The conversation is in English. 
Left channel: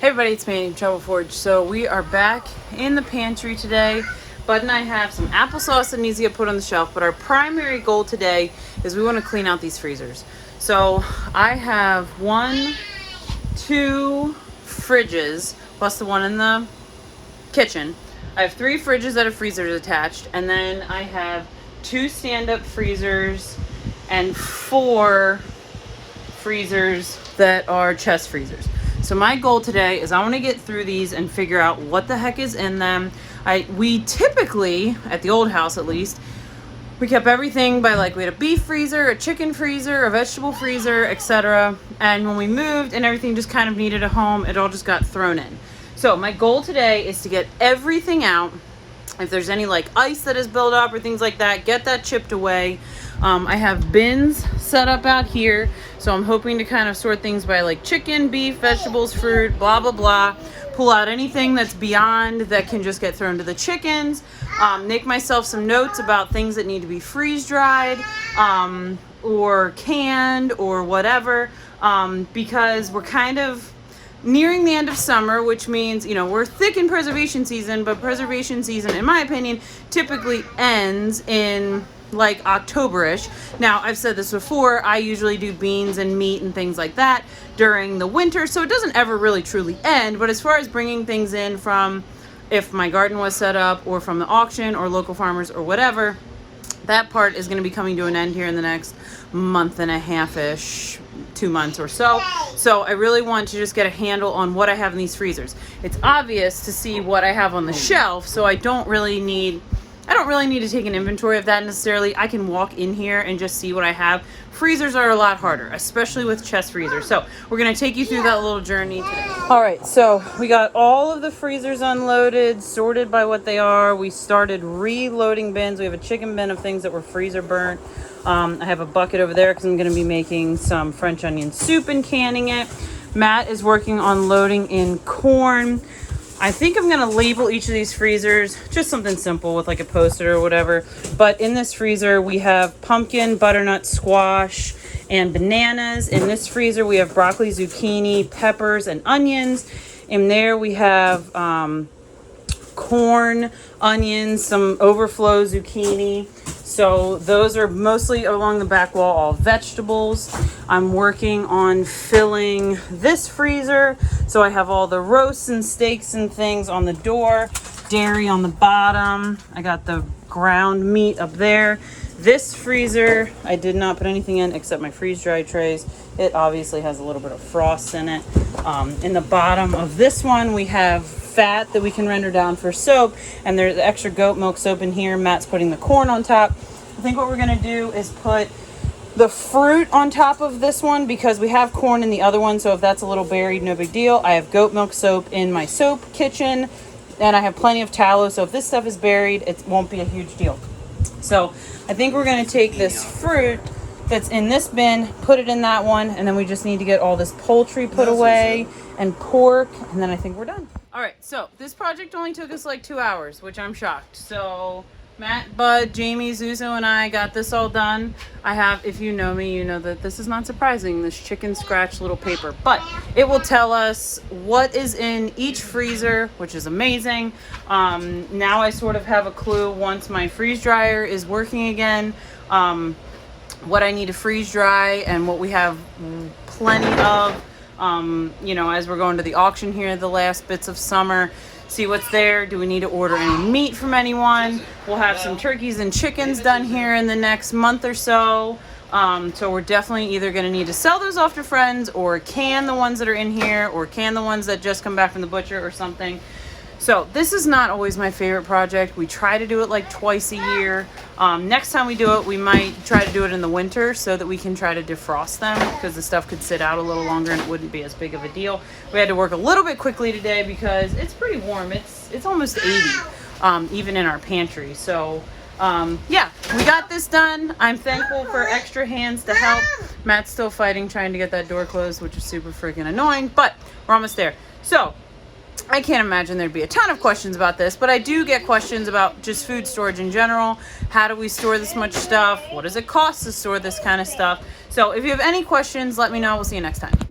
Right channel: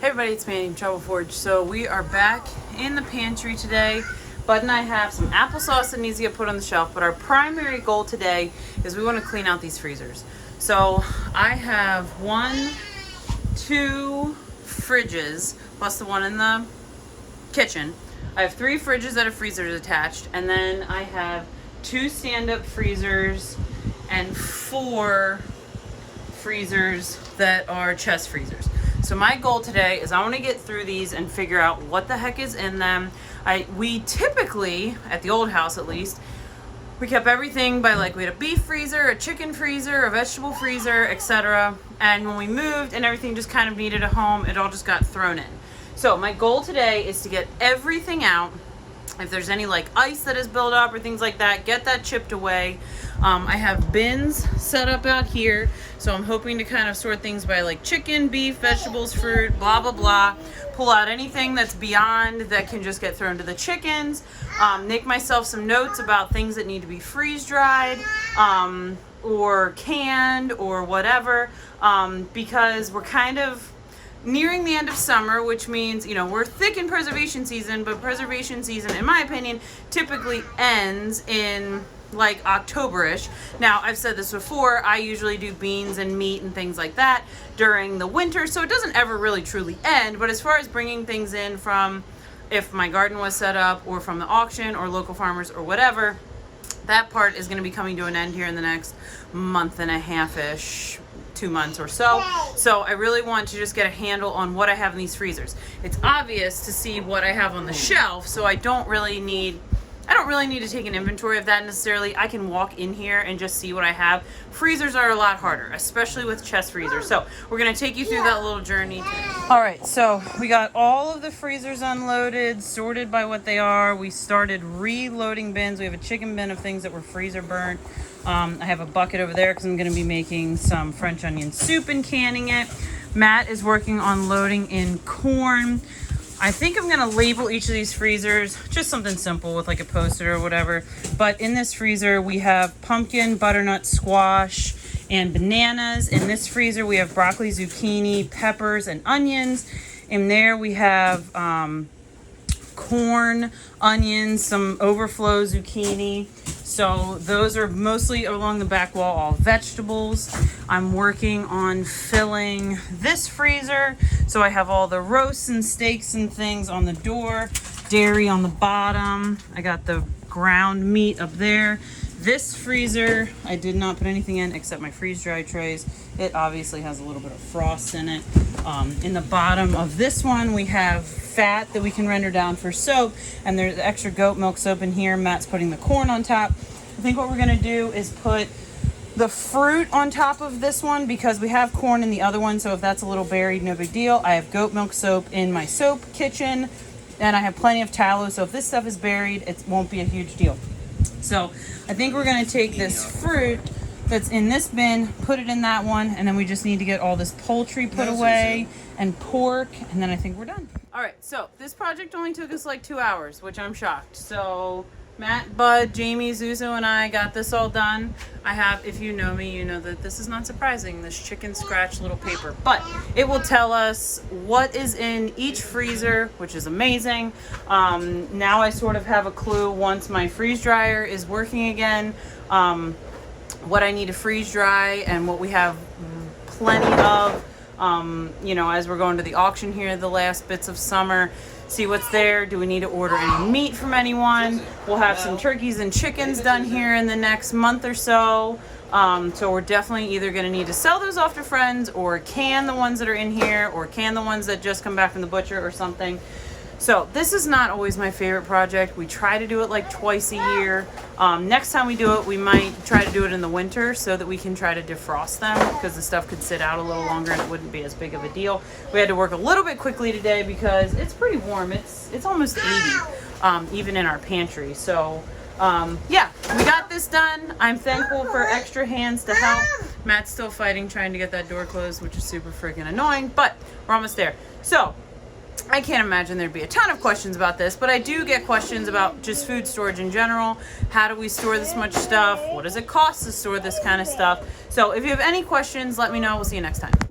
Hey everybody, it's me, Trouble Forge. So we are back in the pantry today. Bud and I have some applesauce that needs to get put on the shelf, but our primary goal today is we want to clean out these freezers. So I have 2 fridges, plus the one in the kitchen. I have 3 fridges that have freezers attached, and then I have 2 stand-up freezers and 4 freezers that are chest freezers. So my goal today is I want to get through these and figure out what the heck is in them. We typically, at the old house at least, we kept everything by, like, we had a beef freezer, a chicken freezer, a vegetable freezer, etc. And when we moved and everything just kind of needed a home, it all just got thrown in. So my goal today is to get everything out. If there's any like ice that is built up or things like that, get that chipped away. I have bins set up out here. So I'm hoping to kind of sort things by like chicken, beef, vegetables, fruit, blah, blah, blah. Pull out anything that's beyond that can just get thrown to the chickens. Make myself some notes about things that need to be freeze dried or canned or whatever, because we're kind of nearing the end of summer, which means, you know, we're thick in preservation season, but preservation season, in my opinion, typically ends in like October-ish. Now, I've said this before, I usually do beans and meat and things like that during the winter, so it doesn't ever really truly end. But as far as bringing things in from, if my garden was set up, or from the auction or local farmers or whatever, that part is going to be coming to an end here in the next month and a half-ish, 2 months or so. So I really want to just get a handle on what I have in these freezers. It's obvious to see what I have on the shelf, so I don't really need to take an inventory of that necessarily. I can walk in here and just see what I have. Freezers are a lot harder, especially with chest freezers. So we're gonna take you through that little journey today. All right, so we got all of the freezers unloaded, sorted by what they are. We started reloading bins. We have a chicken bin of things that were freezer burnt. I have a bucket over there because I'm gonna be making some French onion soup and canning it. Matt is working on loading in corn. I think I'm gonna label each of these freezers, just something simple with like a poster or whatever. But in this freezer, we have pumpkin, butternut, squash, and bananas. In this freezer, we have broccoli, zucchini, peppers, and onions. In there, we have corn, onions, some overflow zucchini. So those are mostly along the back wall, all vegetables. I'm working on filling this freezer. So I have all the roasts and steaks and things on the door, dairy on the bottom. I got the ground meat up there. This freezer, I did not put anything in except my freeze-dry trays. It obviously has a little bit of frost in it. In the bottom of this one, we have fat that we can render down for soap, and there's the extra goat milk soap in here. Matt's putting the corn on top. I think what we're gonna do is put the fruit on top of this one because we have corn in the other one, so if that's a little buried, no big deal. I have goat milk soap in my soap kitchen, and I have plenty of tallow, so if this stuff is buried, it won't be a huge deal. So I think we're gonna take this fruit that's in this bin, put it in that one, and then we just need to get all this poultry put away and pork, and then I think we're done. All right, so this project only took us like 2 hours, which I'm shocked. So Matt, Bud, Jamie, Zuzo, and I got this all done. I have, if you know me, you know that this is not surprising, this chicken scratch little paper, but it will tell us what is in each freezer, which is amazing. Now I sort of have a clue once my freeze dryer is working again, what I need to freeze dry and what we have plenty of. You know, as we're going to the auction here, the last bits of summer, see what's there. Do we need to order any meat from anyone? We'll have some turkeys and chickens done here in the next month or so. So we're definitely either going to need to sell those off to friends or can the ones that are in here or can the ones that just come back from the butcher or something. So this is not always my favorite project. We try to do it like twice a year. Next time we do it, we might try to do it in the winter so that we can try to defrost them because the stuff could sit out a little longer and it wouldn't be as big of a deal. We had to work a little bit quickly today because it's pretty warm. It's almost 80, even in our pantry. So yeah, we got this done. I'm thankful for extra hands to help. Matt's still fighting trying to get that door closed, which is super freaking annoying, but we're almost there. So I can't imagine there'd be a ton of questions about this, but I do get questions about just food storage in general. How do we store this much stuff? What does it cost to store this kind of stuff? So if you have any questions, let me know. We'll see you next time.